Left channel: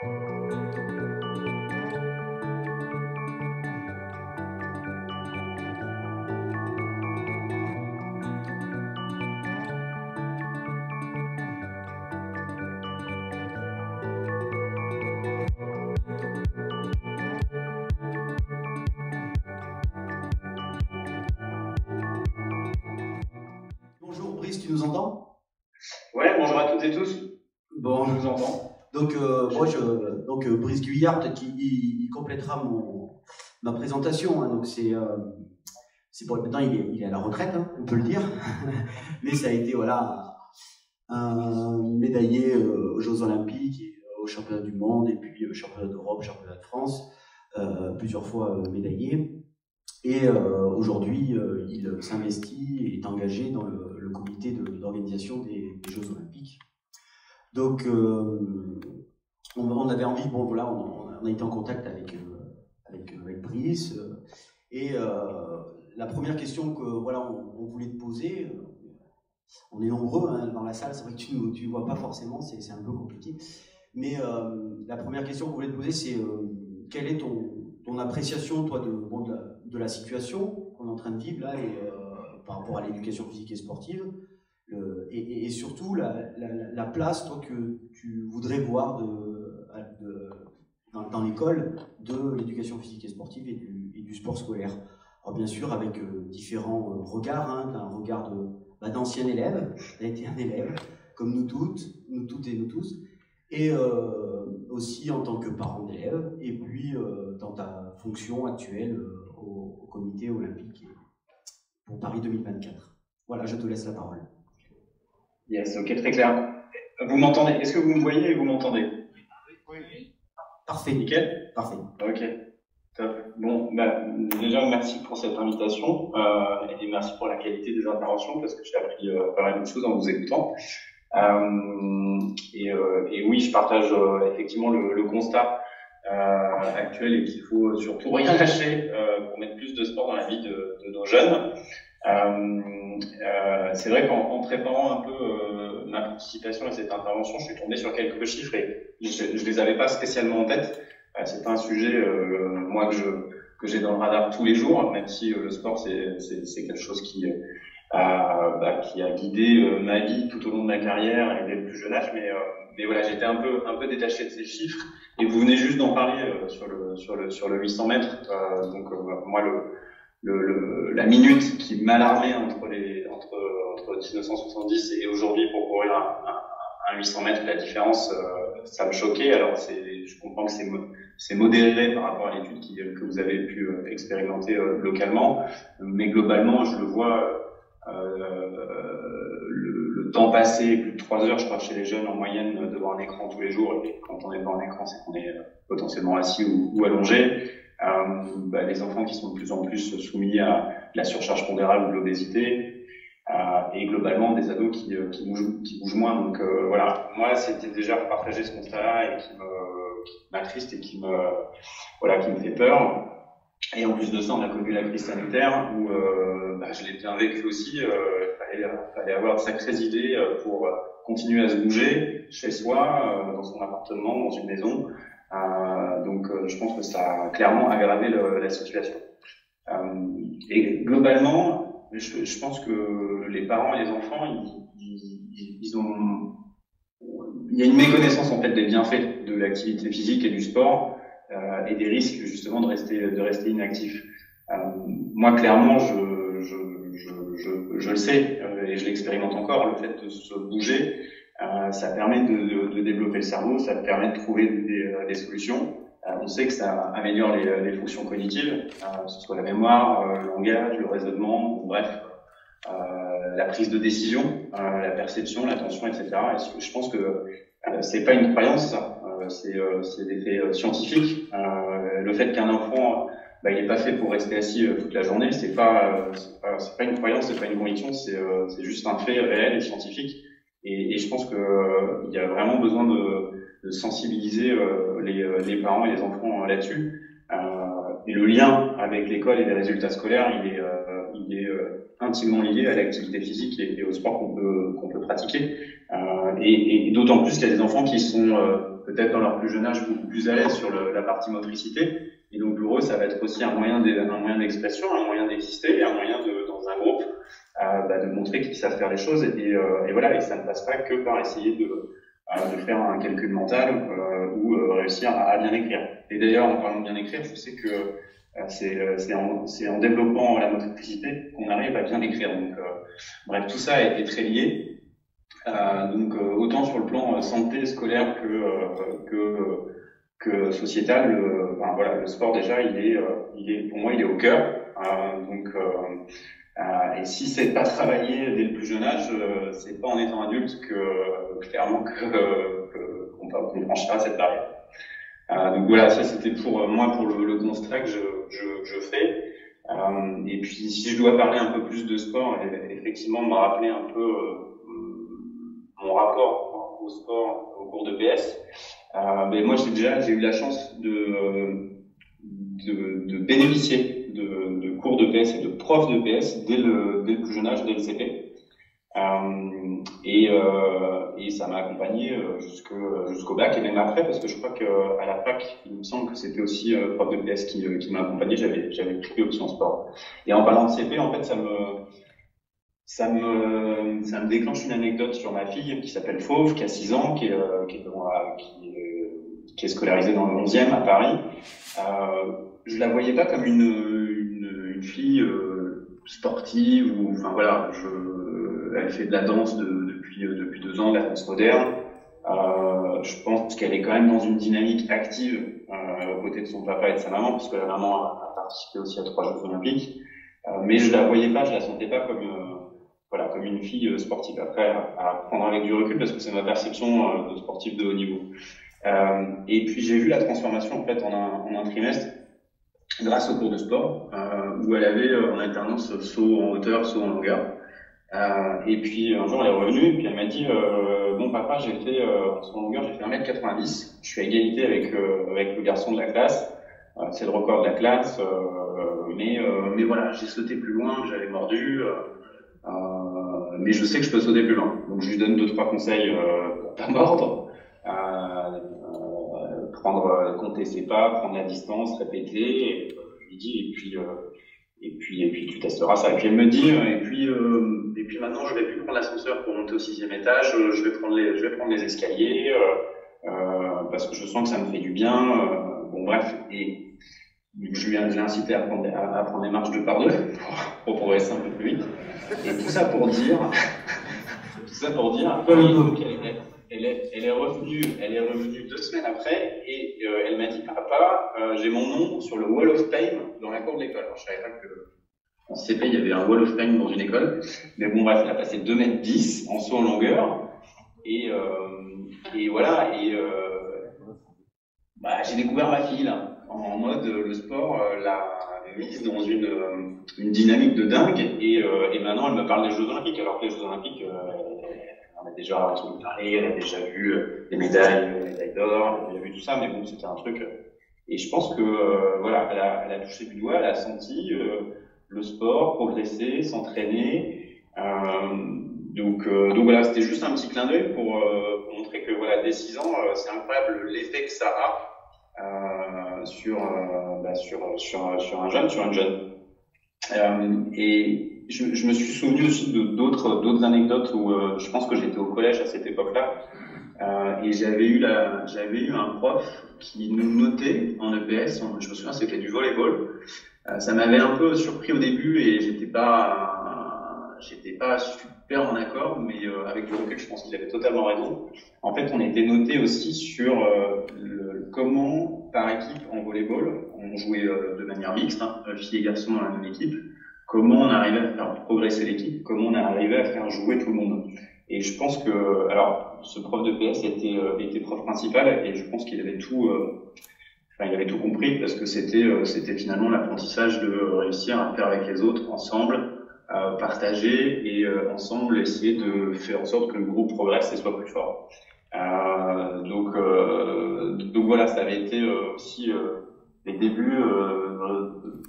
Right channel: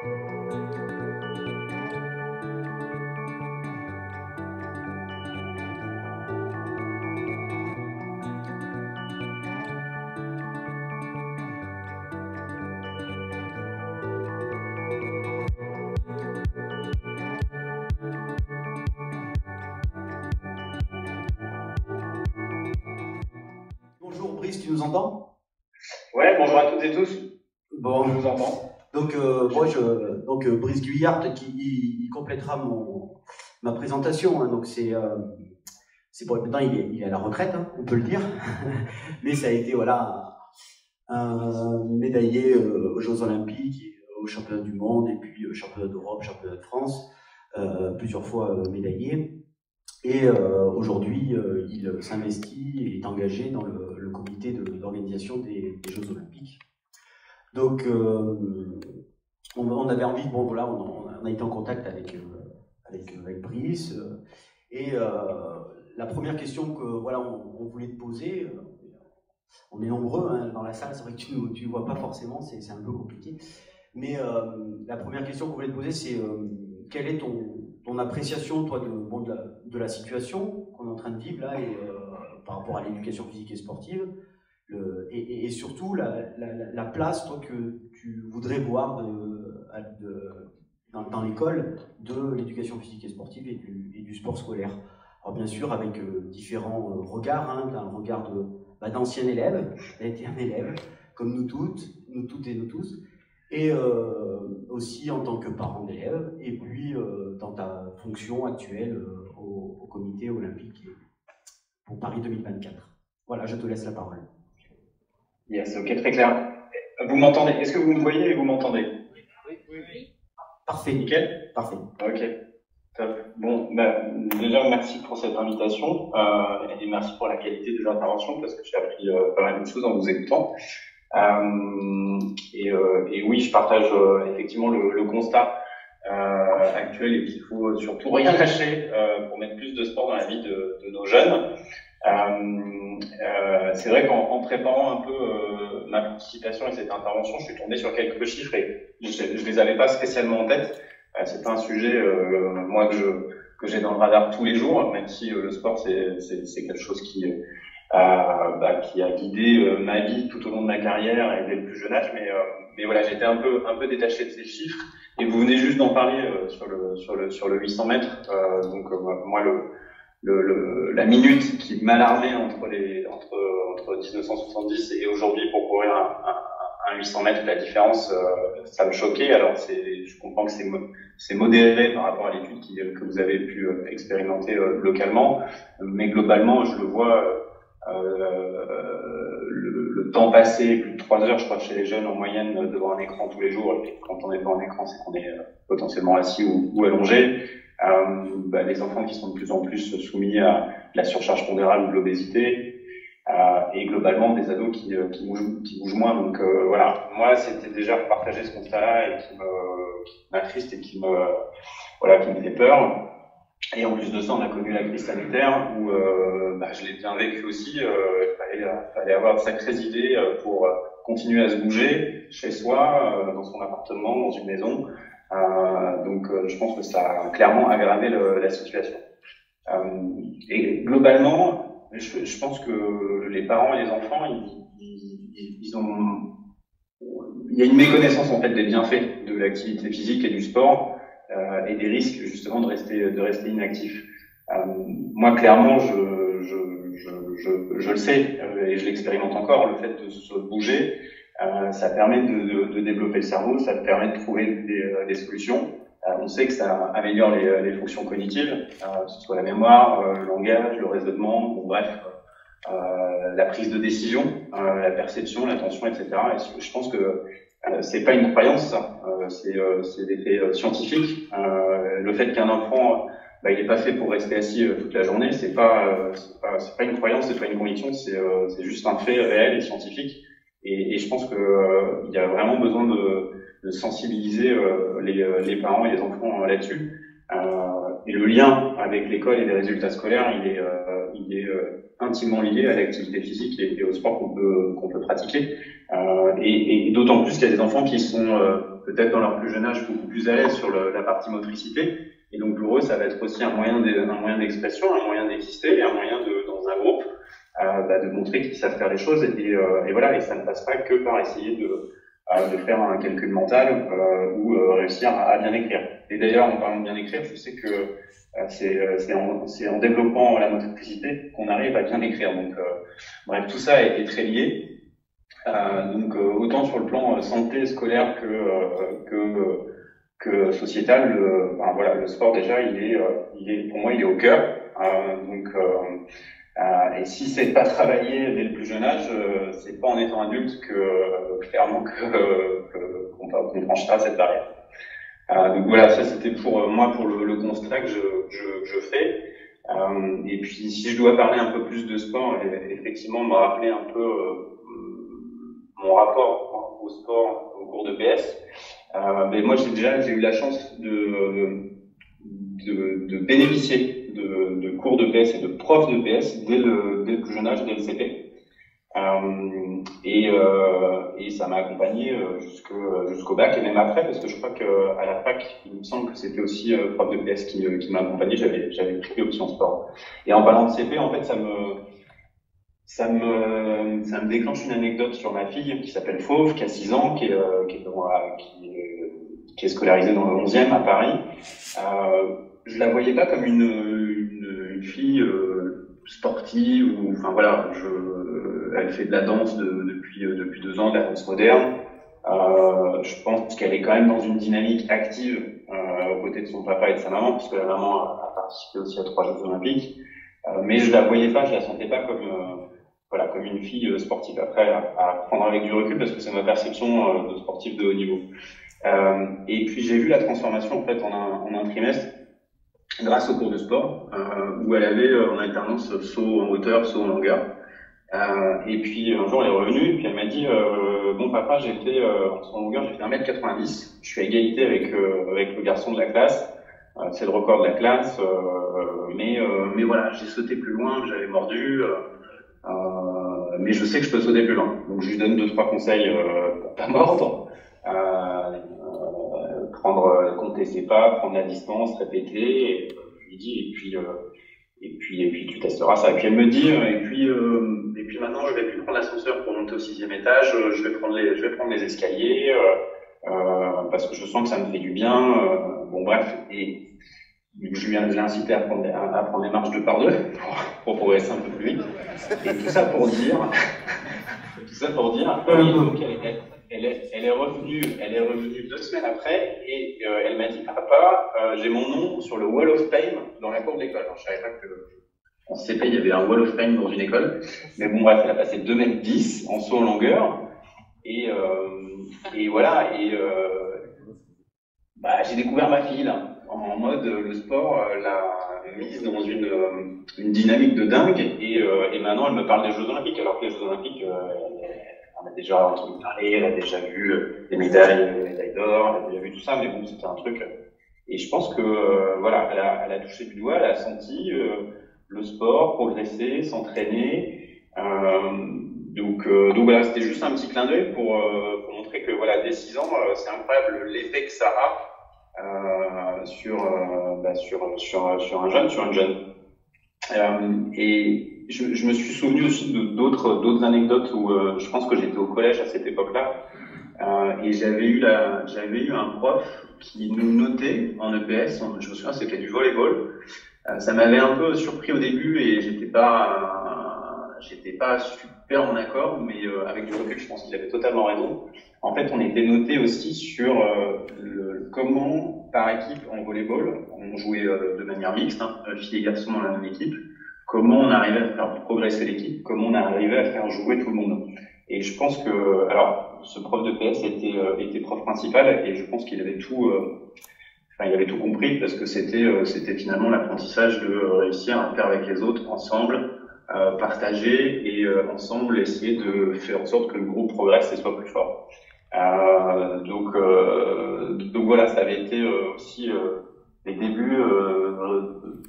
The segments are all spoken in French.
Bonjour Brice, tu nous entends? Ouais, bonjour à toutes et tous. Bon, Je vous entends. donc Brice Guyard, peut-être qu'il complétera ma présentation, hein. Donc c'est bon, maintenant il est à la retraite, hein, on peut le dire, mais ça a été voilà un médaillé aux Jeux Olympiques, et, aux Championnats du Monde, et puis Championnat d'Europe, Championnat de France, plusieurs fois médaillé. Et aujourd'hui, il s'investit et est engagé dans le comité d'organisation des Jeux Olympiques. Donc, on avait envie, bon voilà, on a été en contact avec Brice, et la première question que voilà, on voulait te poser, on est nombreux hein, dans la salle, c'est vrai que tu ne vois pas forcément, c'est un peu compliqué, mais la première question qu'on voulait te poser, c'est quelle est ton appréciation, toi, de la situation qu'on est en train de vivre là, et par rapport à l'éducation physique et sportive, et surtout la place, toi, que tu voudrais voir dans l'école de l'éducation physique et sportive et du sport scolaire. Alors bien sûr, avec différents regards, hein, un regard d'ancien élève, tu as été un élève, comme nous toutes et nous tous, et aussi en tant que parent d'élève, et puis dans ta fonction actuelle au comité olympique pour Paris 2024. Voilà, je te laisse la parole. Yes, ok, très clair. Vous m'entendez? Est-ce que vous me voyez et vous m'entendez? Oui. Parfait. Nickel. Parfait. Ok, top. Bon, déjà merci pour cette invitation et merci pour la qualité des interventions parce que j'ai appris pas mal de choses en vous écoutant. Et oui, je partage effectivement le constat actuel et qu'il faut surtout rien lâcher pour mettre plus de sport dans la vie de nos jeunes. C'est vrai qu'en préparant un peu ma participation à cette intervention, je suis tombé sur quelques chiffres et je les avais pas spécialement en tête. C'est pas un sujet moi que j'ai dans le radar tous les jours, même si le sport c'est quelque chose qui a guidé ma vie tout au long de ma carrière et dès le plus jeune âge. Mais voilà, j'étais un peu détaché de ces chiffres. Et vous venez juste d'en parler sur le 800 mètres. Moi la minute qui m'alarmait entre 1970 et aujourd'hui pour courir un 800 mètres, la différence, ça me choquait. Alors je comprends que c'est modéré par rapport à l'étude que vous avez pu expérimenter localement, mais globalement, je le vois. Le temps passé, plus de 3 heures, je crois, chez les jeunes en moyenne devant un écran tous les jours. Et quand on est devant un écran, c'est qu'on est potentiellement assis ou allongé. Les enfants qui sont de plus en plus soumis à la surcharge pondérale ou de l'obésité, et globalement des ados qui bougent moins. Donc voilà, moi c'était déjà partager ce constat-là et qui m'attriste et qui me fait peur. Et en plus de ça, on a connu la crise sanitaire où je l'ai bien vécu aussi. Fallait avoir de sacrées idées pour continuer à se bouger chez soi, dans son appartement, dans une maison. Je pense que ça a clairement aggravé la situation. Et globalement, je pense que les parents et les enfants, il y a une méconnaissance en fait des bienfaits de l'activité physique et du sport et des risques justement de rester inactif. Moi, clairement, je le sais et je l'expérimente encore. Le fait de se bouger, ça permet de développer le cerveau, ça permet de trouver des solutions. On sait que ça améliore les fonctions cognitives, que ce soit la mémoire, le langage, le raisonnement, bon, bref, la prise de décision, la perception, l'attention, etc. Et je pense que c'est pas une croyance, c'est des faits scientifiques. Le fait qu'un enfant il n'est pas fait pour rester assis toute la journée, c'est pas une croyance, c'est pas une conviction, c'est juste un fait réel et scientifique. Et je pense que il y a vraiment besoin de sensibiliser les parents et les enfants là-dessus. Et le lien avec l'école et les résultats scolaires, il est intimement lié à l'activité physique et au sport qu'on peut pratiquer. Et d'autant plus qu'il y a des enfants qui sont peut-être dans leur plus jeune âge beaucoup plus à l'aise sur la partie motricité. Et donc pour eux, ça va être aussi un moyen d'expression, un moyen d'exister, un moyen dans un groupe de montrer qu'ils savent faire les choses. Et voilà, et ça ne passe pas que par essayer de faire un calcul mental ou réussir à bien écrire. Et d'ailleurs, en parlant de bien écrire, je sais que c'est en développant la motricité qu'on arrive à bien écrire. Donc, bref, tout ça est très lié. Donc, autant sur le plan santé scolaire que sociétal, voilà, le sport déjà, pour moi, il est au cœur. Et si c'est pas travaillé dès le plus jeune âge, c'est pas en étant adulte clairement qu'on franchira cette barrière. Donc voilà, ça c'était pour moi pour le constat que je fais. Et puis si je dois parler un peu plus de sport, effectivement me rappeler un peu mon rapport au sport au cours de PS. Mais moi j'ai eu la chance de bénéficier de cours de PS et de profs de PS dès le plus jeune âge, dès le CP. Et ça m'a accompagné jusqu'au bac et même après, parce que je crois qu'à la fac, il me semble que c'était aussi prof de PS qui m'a accompagné. J'avais pris option sport. Et en parlant de CP, en fait, ça me déclenche une anecdote sur ma fille qui s'appelle Fauve, qui a 6 ans, qui est scolarisée dans le 11e à Paris. Je la voyais pas comme une fille sportive ou enfin voilà, elle fait de la danse depuis 2 ans, de la danse moderne. Je pense qu'elle est quand même dans une dynamique active aux côtés de son papa et de sa maman, puisque la maman a participé aussi à 3 Jeux Olympiques. Mais je la voyais pas, je la sentais pas comme une fille sportive. Après, à prendre avec du recul, parce que c'est ma perception de sportive de haut niveau. Et puis j'ai vu la transformation en fait en un trimestre grâce au cours de sport où elle avait en alternance saut en hauteur, saut en longueur. Et puis un jour elle est revenue et puis elle m'a dit bon papa, j'ai fait en saut en longueur, j'ai fait 1m90, je suis à égalité avec le garçon de la classe, c'est le record de la classe, mais voilà, j'ai sauté plus loin, j'avais mordu, mais je sais que je peux sauter plus loin. Donc je lui donne 2-3 conseils pour pas mordre. Compter ses pas, prendre la distance, répéter, et je lui dis, et puis tu testeras ça. Et puis elle me dit, et puis maintenant je vais plus prendre l'ascenseur pour monter au 6e étage, je vais prendre les escaliers, parce que je sens que ça me fait du bien, bon bref, et je l'ai incité à prendre les marches 2 par 2 pour progresser un peu plus vite. Et tout ça pour dire, donc elle est revenue 2 semaines après et elle m'a dit papa, j'ai mon nom sur le Wall of Fame dans la cour de l'école. Alors je savais pas que en CP il y avait un Wall of Fame dans une école, mais bon bref, elle a passé 2m10 en saut en longueur et voilà j'ai découvert ma fille là, en mode le sport l'a mise dans une dynamique de dingue et maintenant elle me parle des Jeux Olympiques alors que les Jeux Olympiques on a déjà entendu parler, elle a déjà vu les médailles d'or, elle a déjà vu tout ça, mais bon, c'était un truc. Et je pense que, voilà, elle a touché du doigt, elle a senti le sport, progresser, s'entraîner. Donc voilà, c'était juste un petit clin d'œil pour montrer que, voilà, dès 6 ans, c'est incroyable l'effet que ça a sur un jeune. Et je me suis souvenu aussi d'autres anecdotes où je pense que j'étais au collège à cette époque-là et j'avais eu un prof qui nous notait en EPS. Je me souviens, c'était du volleyball. Ça m'avait un peu surpris au début et j'étais pas super en accord, mais avec du recul, je pense qu'il avait totalement raison. En fait, on était noté aussi sur comment par équipe en volleyball, on jouait de manière mixte, filles et garçons dans la même équipe. Comment on arrivait à faire progresser l'équipe, comment on arrivait à faire jouer tout le monde. Et je pense que, alors, ce prof de PS était prof principal et je pense qu'il avait il avait tout compris parce que c'était finalement l'apprentissage de réussir à faire avec les autres ensemble, partager et ensemble essayer de faire en sorte que le groupe progresse et soit plus fort. Donc voilà, ça avait été aussi les débuts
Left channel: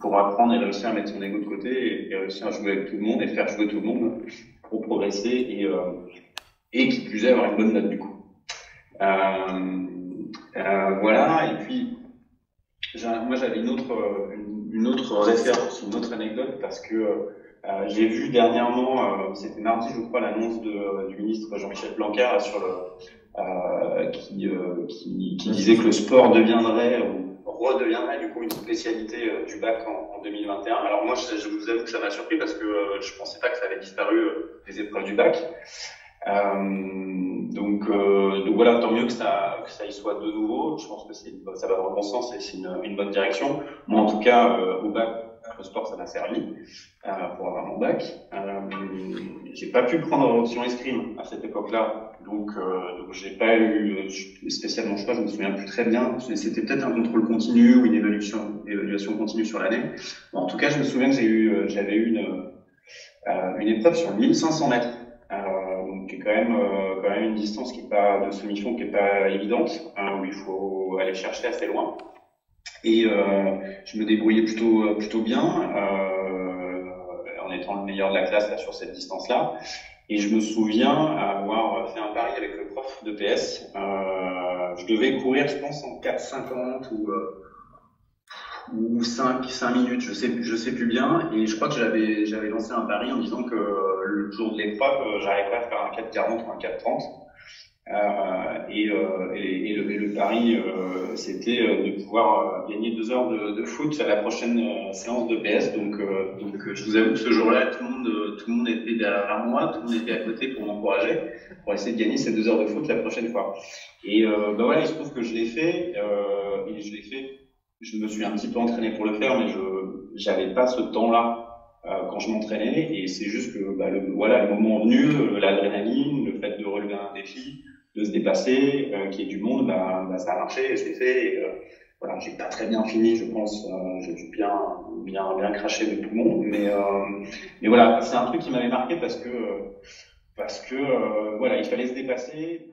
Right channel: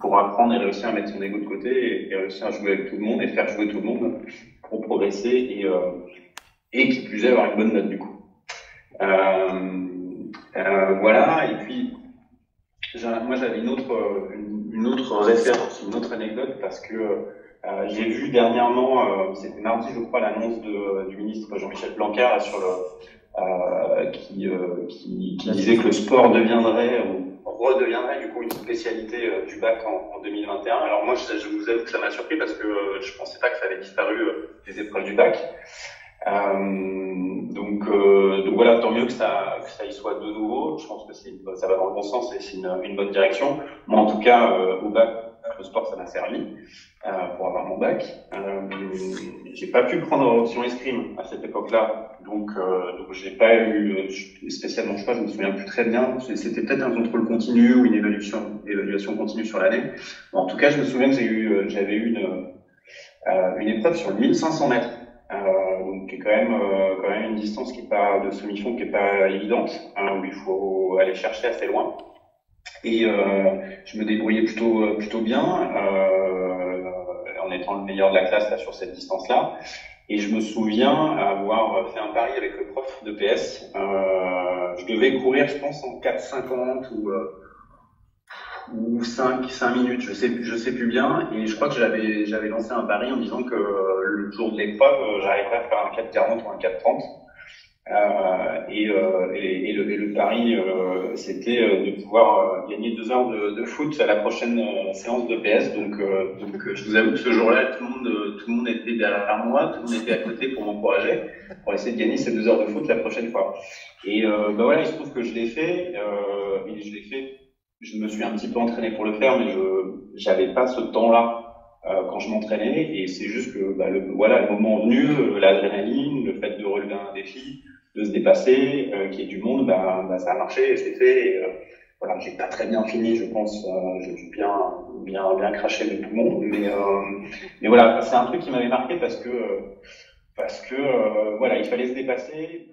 pour apprendre et réussir à mettre son ego de côté et réussir à jouer avec tout le monde et faire jouer tout le monde pour progresser et qui plus est avoir une bonne note du coup. Voilà, et puis moi j'avais une autre référence, une autre anecdote, parce que j'ai vu dernièrement, c'était mardi je crois, l'annonce du ministre Jean-Michel Blanquer là, sur qui disait que le sport deviendrait ou redeviendrait du coup une spécialité du bac en 2021. Alors moi je vous avoue que ça m'a surpris parce que je pensais pas que ça avait disparu des épreuves du bac. Donc voilà, tant mieux que ça y soit de nouveau. Je pense que ça va dans le bon sens et c'est une bonne direction. Moi, en tout cas, au bac, le sport, ça m'a servi pour avoir mon bac. J'ai pas pu prendre option escrime à cette époque-là, donc j'ai pas eu spécialement le choix. Je me souviens plus très bien. C'était peut-être un contrôle continu ou une évaluation continue sur l'année. Bon, en tout cas, je me souviens que j'avais eu une épreuve sur 1500 mètres. Donc qui est quand même une distance qui est pas de semi-fond qui est pas évidente, où il faut aller chercher assez loin. Et je me débrouillais plutôt bien en étant le meilleur de la classe là sur cette distance-là. Et je me souviens avoir fait un pari avec le prof de PS. Je devais courir, je pense, en 4,50 ou 5 minutes, je sais plus bien, et je crois que j'avais lancé un pari en disant que le jour de l'épreuve, j'arriverais à faire un 4,40 ou un 4,30. Et le pari, c'était de pouvoir gagner 2 heures de foot à la prochaine séance de PS. Donc je vous avoue que ce jour-là, tout le monde était derrière moi, tout le monde était à côté pour m'encourager, pour essayer de gagner ces 2 heures de foot la prochaine fois. Et voilà, il se trouve que je l'ai fait, et je l'ai fait. Je me suis un petit peu entraîné pour le faire, mais j'avais pas ce temps-là quand je m'entraînais, et c'est juste que le moment venu, l'adrénaline, le fait de relever un défi, de se dépasser, qu'il y ait du monde, ça a marché et c'est fait. Et, voilà, j'ai pas très bien fini, je pense. J'ai bien craché de tout le monde, mais voilà, c'est un truc qui m'avait marqué parce que voilà, il fallait se dépasser.